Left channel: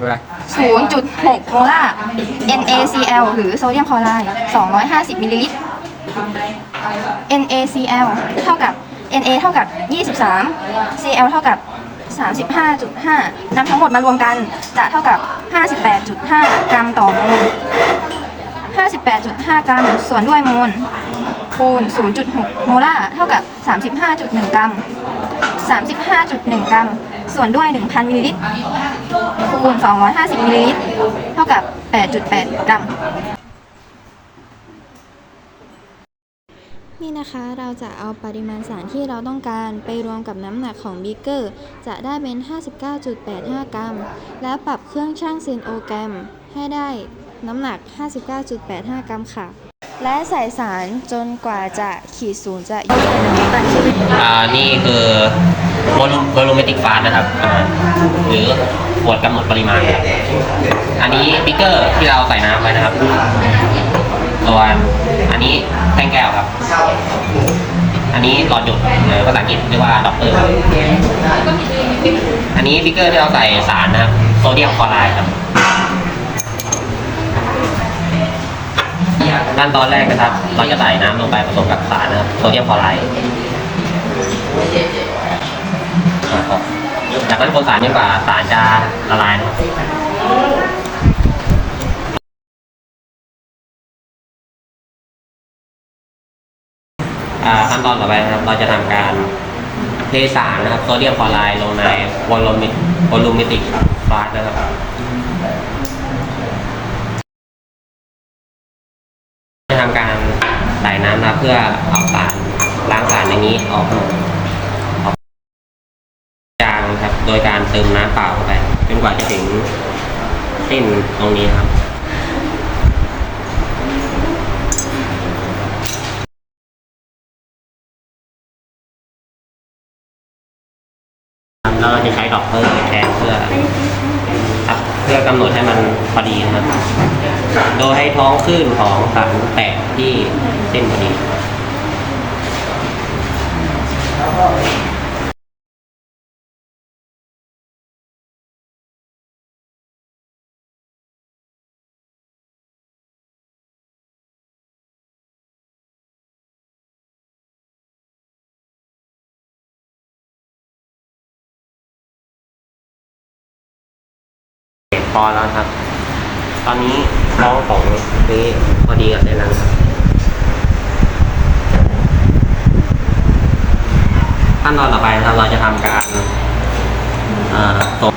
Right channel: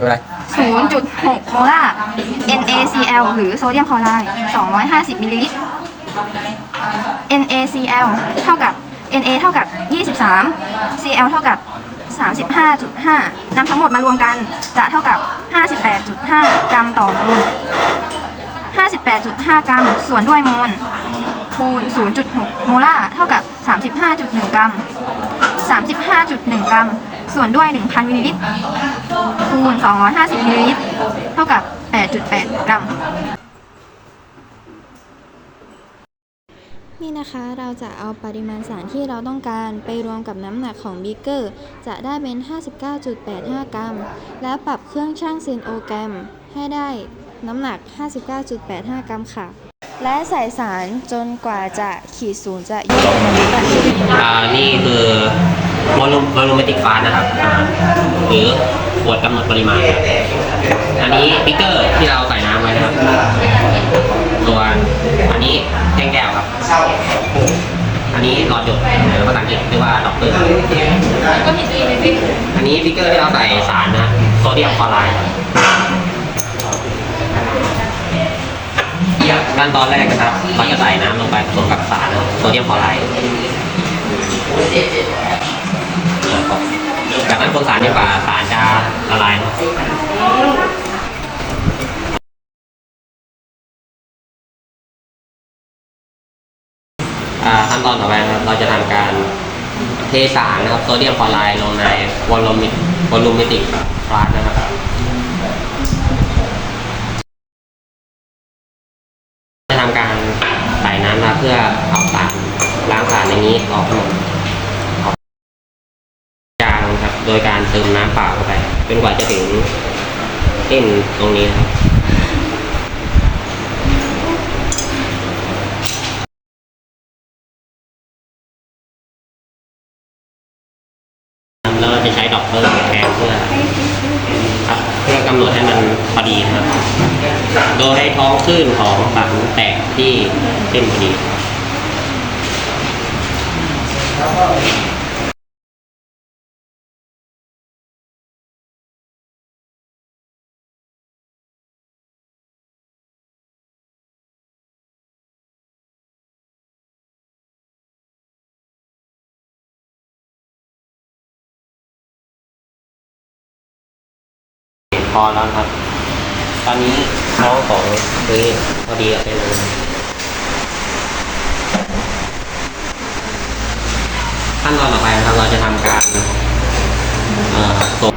คืออะไร 0.6โมลาร์ NaCl หรือโซเดียมคลอไรด์250มิลลิลิตร NaCl เท่ากับ Na เท่ากับ 23 Cl เท่ากับ 35.5นำทั้งหมดมารวมกันจะเท่ากับ 58.5 กรัมต่อโมล58.5 กรัมส่วนด้วยโมลคูณ 0.6 โมลาร์เท่ากับ 35.1 กรัม 35.1 กรัม ส่วนด้วย 1,000มิลลิลิตร คูณ250มิลลิลิตรเท่ากับ 8.8 กรัม นี่นะคะเราจะเอาปริมาณสารที่เราต้องการไปรวมกับน้ำหนักของบีเกอร์ จะได้เป็น 59.85 กรัม แล้วปรับเครื่องชั่งเซนโอแกรม ให้ได้น้ำหนัก 59.85 กรัมค่ะ และใส่สารจนกว่าจะขีดศูนย์จะอยู่ในลิตรอ่านี่คือโวลูมโวลูเมติกฟาสนะครับอ่าหรือ ขวดกำหนดปริมาณครับอันนี้ปิกเกอร์ที่เราใส่น้ำไว้นะครับส่วนอันนี้แท่งแก้วครับ อันนี้หลอดหยดหรือภาษาอังกฤษเรียกว่าด็อกเตอร์ อันนี้ปิกเกอร์ที่เราใส่สารนะครับโซเดียมคลอไรด์ครับขั้นตอนแรกนะครับ เราจะใส่น้ำลงไปผสมกับสารนะครับโซเดียมคลอไรด์ อยากให้คนสารเยอะกว่าสารจะละลายนะขั้นตอนต่อไปนะครับเราจะทำการเทสารนะครับโซเดียมคลอไรด์ลงในวอลลูมิวอลลูมิติกฟลาสนะครับจะทำการใส่น้ำนะเพื่อเอาสารล้างสารในนี้ออกหมดออก จางครับ โดยการเติมน้ำเปล่าเข้าไปครับจนกว่าจะถึงเส้นตรงนี้นะครับ แล้วเราจะใช้ดอกเตอร์แทนเพื่อครับเพื่อกำหนดให้มันพอดีนะครับ โดยให้ท้องคลื่นของสารแตกที่เส้นพอดี พอแล้วครับ ตอนนี้ท้องของคือพอดีกับในนั้นครับขั้นตอนต่อไปครับเราจะทำการตก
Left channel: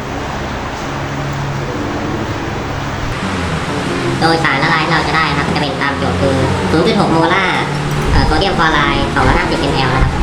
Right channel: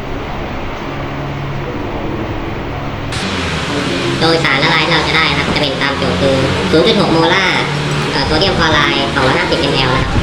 โดยสารละลายเราจะได้นะครับ จะเป็นตามโจทย์คือ 0.6 โมลาร์โซเดียมคลอไรด์250 ml นะครับจะได้สารตัวนี้ครับ